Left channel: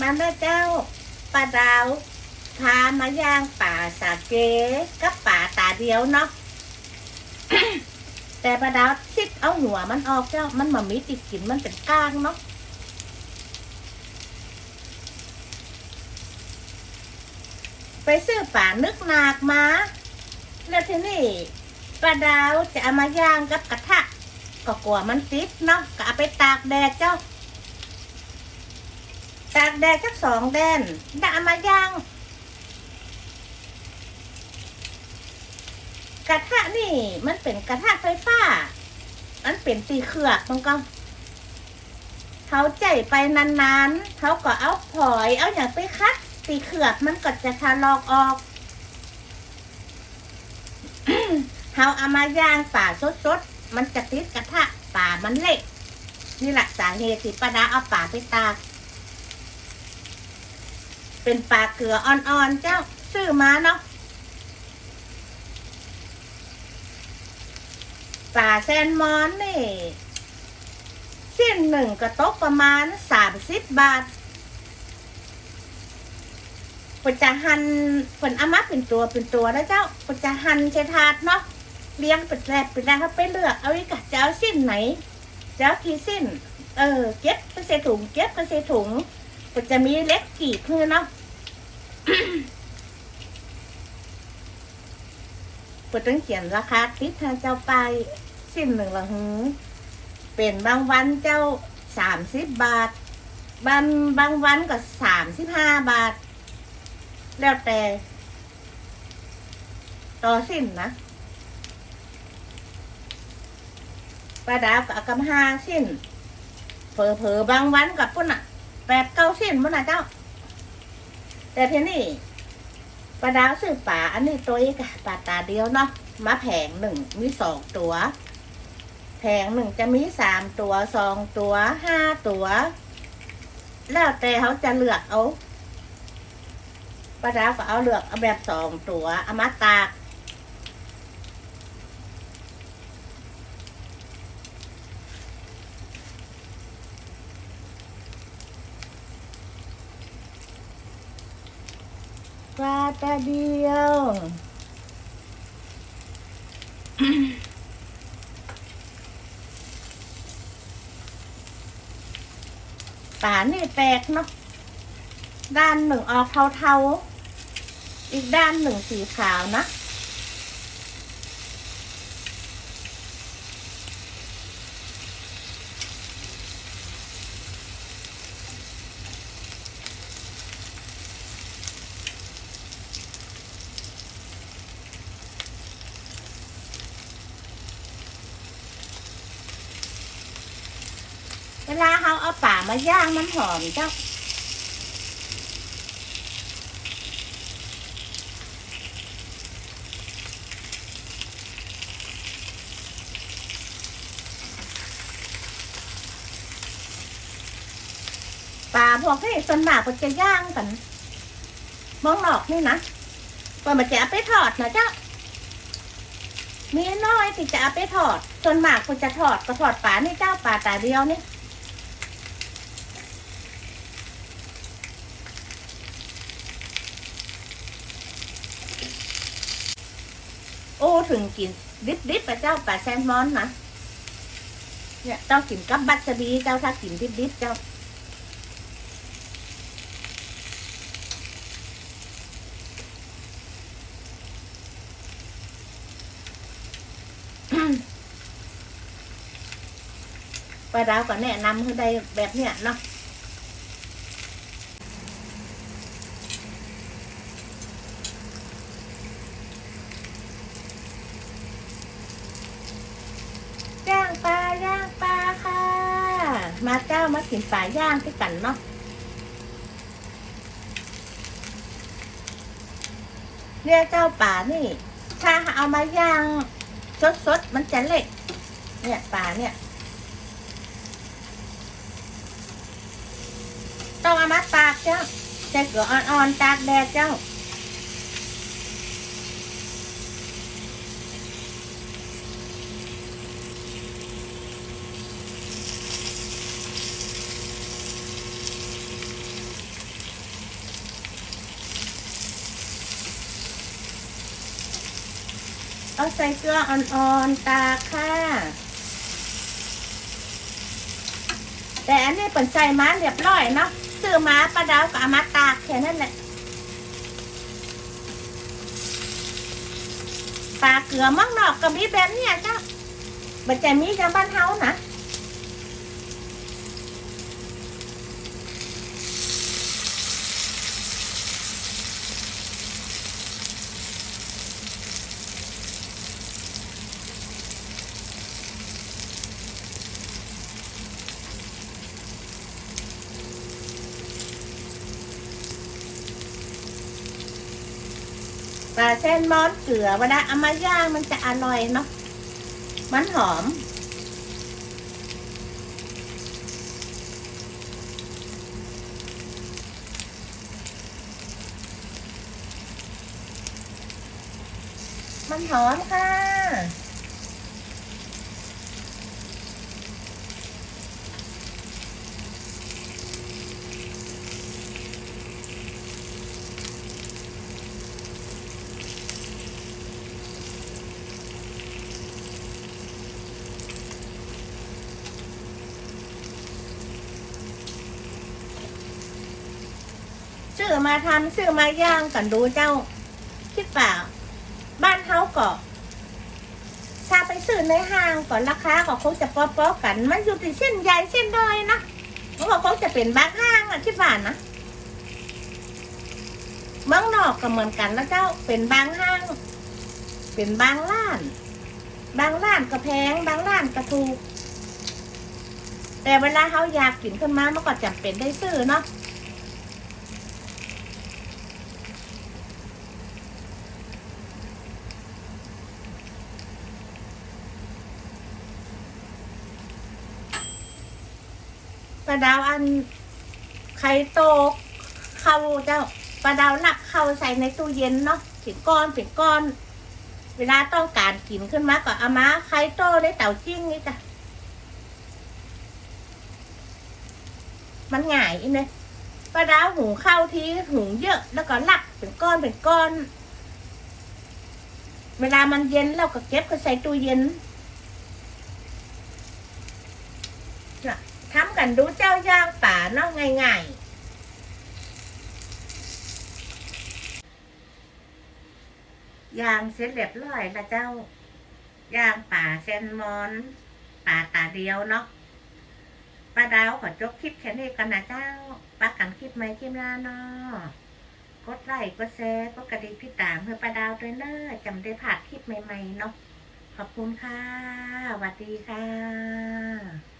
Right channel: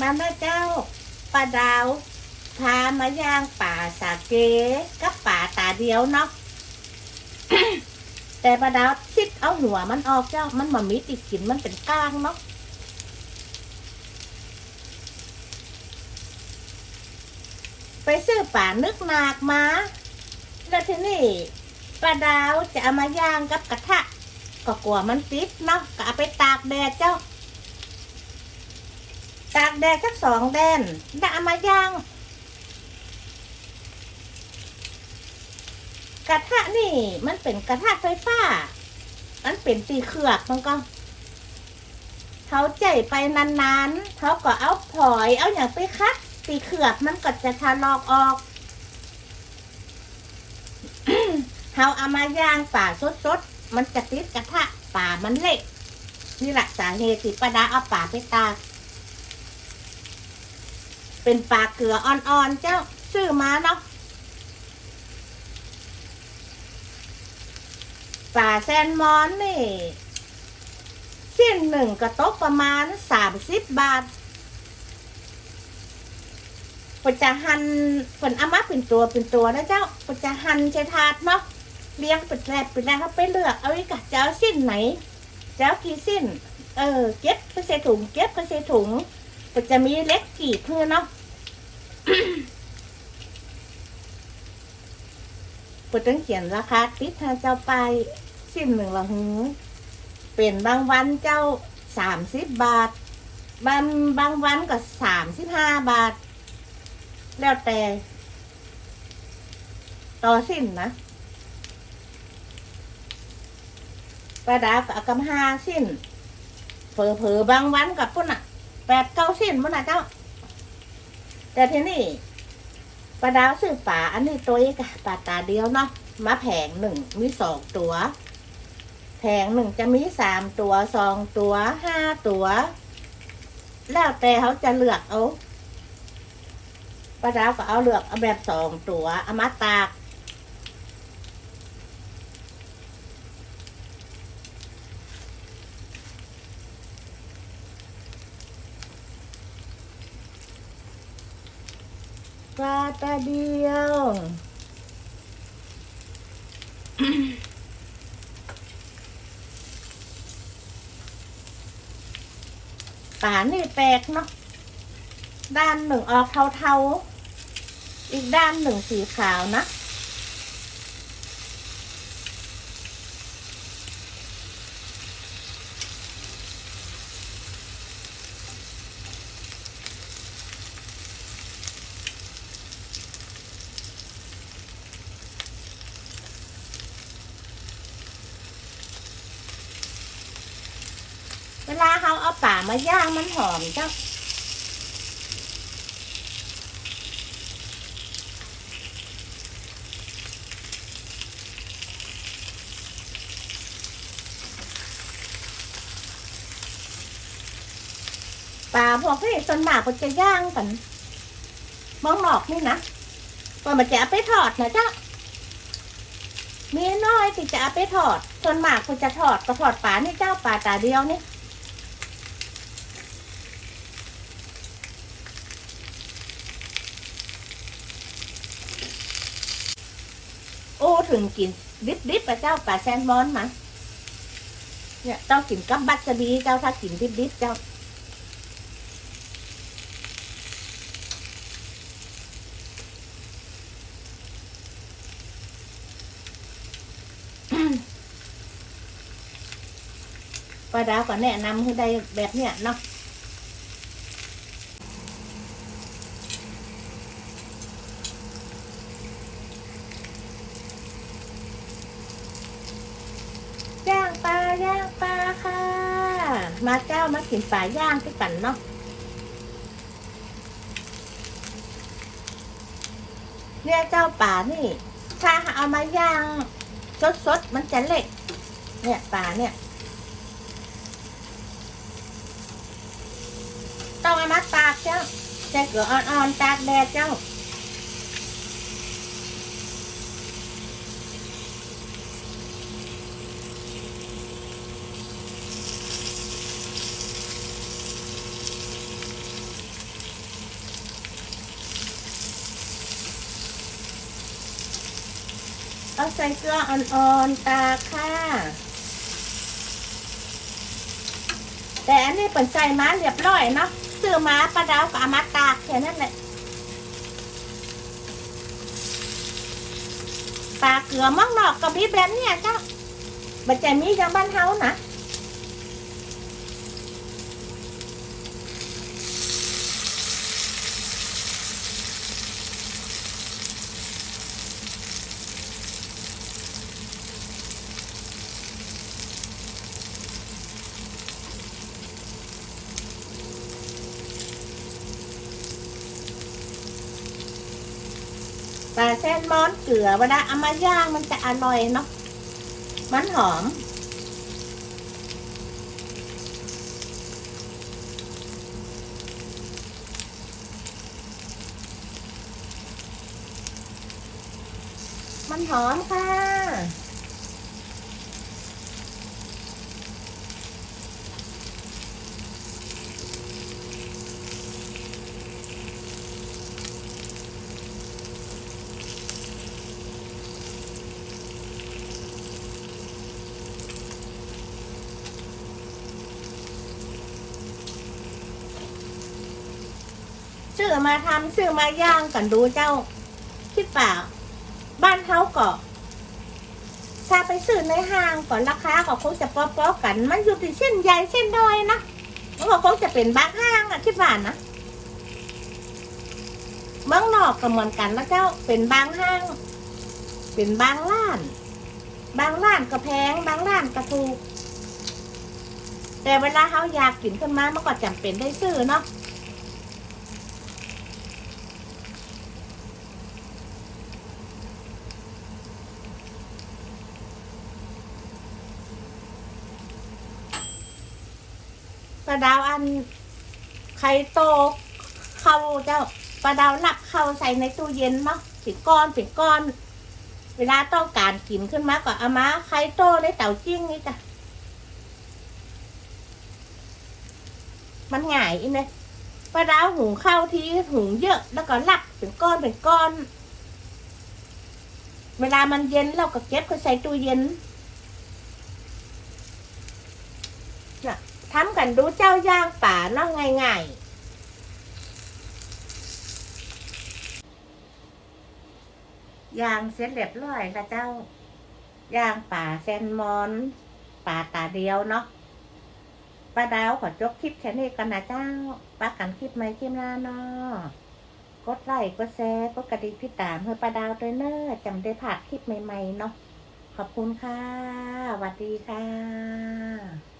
มาแม่เจ้าปลาดาวพามาย่างป่าสาเกกับป่าตาเดียวเนาะแต่ปลาดาวชิดเอาหัวมันออกเจ้า มันมามีติดกินมันเป็นก้างเนาะไปซื้อป่านึกนากมา แล้วทีนี่ปลาดาวจะเอามาย่างกับกระทะก็กลัวมันติดเนาะก็เอาไปตากแดดเจ้า ตากแดดสักสองแดนแล้วเอามาย่างกระทะนี่ มันเป็นกระทะไฟฟ้า มันเป็นตีเขือกมันก็เขาใจไปนานๆ เขาก็เอาผอยเอาอย่างไปคัดตีเขือกมันก็จะทะลอกออก เขาเอามาย่างป่าสดๆ มันจะติดกระทะป่ามันเล็กนี่แหละสาเหตุที่ป้าดาเอาป่าไปตาก เป็นปลาเกลืออ่อนๆ เจ้าซื้อมาเนาะปลาแซลมอนนี่สิ้นหนึ่งกระตกประมาณสามสิบบาทปจะหั่นผลอามาเป็นตัวเป็นตัวนะเจ้าปจะหันใช้ถาดเนาะเลี้ยงเป็นแรบเป็นแรบเขาไปเลือกเอาอีกอะจะเอาสิ้นไหน เจะเอากี่สิ้น เออเก็บไปใส่ถุงเก็บไปใส่ถุงก็จะมีเล็กกี่เพื่อเนาะ ปุต้องเขียนราคาติดทางเจ้าไปสิ้นหนึ่งละหือเป็นบางวันเจ้าสามสิบบาท บางบางวันก็สามสิบห้าบาท แล้วแต่ ต่อสิ้นนะปลาดากับกำห้าสิ้นเผลอเผลอๆบางวันกับพุ่นอะแปดเก้าสิ้นพุ่นอะเจ้า แต่ทีนี่ปลาดาวซื้อป่าอันนี้ตัวเอกอะป่าตาเดียวเนาะมาแผงหนึ่งมีสองตัว แผงหนึ่งจะมีสามตัวสองตัวห้าตัว แล้วแต่เขาจะเลือกเอาปลาดาวก็เอาเลือกเอาแบบสองตัวเอามาตาก ปลาตาเดียว ป่านี่แปลกเนาะ ด้านหนึ่งออกเทาๆ อีกด้านหนึ่งสีขาวนะ เวลาเขาเอาป่า มาย่างมันหอมเจ้าป่าพวกนี้ส่วนมากก็จะย่างกันมองนอกนี่นะก็มันจะเอาไปทอดนะเจ้ามีน้อยที่จะเอาไปทอดส่วนมากก็จะทอดก็ทอดป่านี่เจ้าป่าตาเดียวนี่ ถึงกินดิบดิบๆอะเจ้าปลาแซลมอนนะเนี่ยต้องกินกับบัตจะบีเจ้าถ้ากินดิบดิบๆเจ้าป้าดาวก็แนะนำให้ได้แบบเนี้ยเนาะย่างปลา ย่างปลาค่ะ มาเจ้ามากินปลาย่างที่กันเนาะเนี่ยเจ้าป่านี่ ถ้าเอามาย่างสดๆมันจะเล็ก เนี่ยปลาเนี่ย ต้องเอามาตากเจ้าใส่เกลืออ่อนๆตากแดดเจ้า เอาใส่เกลืออ่อนๆตาค่ะ แต่อันนี้เป็นใส่มาเรียบร้อยเนาะซื้อมาปลาดาวกับอมาตากแค่นั้นแหละปลาเกลือมั่งนอกก็มีแบบเนี้ยเจ้าบัจจมีจางบ้านเฮานะ เส้นม้อนเกลือเวลาเอามาย่างมันจะอร่อยเนาะมันหอม มันหอมค่ะ ซื้ อมาทำซื้อมาย่างกันดูเจ้า คิดเปล่า บ้านเขาก็ถ้าไปซื้อในห้างก่อนราคาก็คงจะป๊อๆกัน มันอยู่ที่เส้นใหญ่เส้นน้อยนะมันก็คงจะเป็นบางห้างอะคิดว่านะเมืองนอกก็เหมือนกันนะเจ้า เป็นบางห้าง เป็นบางร้าน บางร้านก็แพง บางร้านก็ถูก แต่เวลาเขาอยากกินขึ้นมามันก็จำเป็นได้ซื้อเนาะ ดาวอันไข่โตกเข้าเจ้าปลาดาวนักเข้าใส่ในตู้เย็นเนาะเป็นก้อนเป็นก้อน เวลาต้องการกินขึ้นมาก็เอามาไข่โตได้เต่าจิ้งนี่จ้ะมันง่ายอีเนี่ยปลาดาวหุงข้าวทีหุงเยอะ แล้วก็ลักเป็นก้อนเป็นก้อน เวลามันเย็นเราก็เก็บก็ใส่ตู้เย็น ทำกั นดูเจ้าย่างป่านาะง่ายๆยางเสร็จเรียบร้อยแล้วเจ้าย่างป่าแซนมอน ป่าตาเดียวเนาะป้าดาวขอจบคลิปแค่นี้กันนะเจ้าป้ากันคลิปไหมคลิปหน้าเนาะกดไลค์กดแชร์กดกระดิ่งพี่ตามเพื่อป้าดาวด้วยเนอะจำได้ผ่านคลิปใหม่ๆเนาะขอบคุณค่ะสวัสดีค่ะ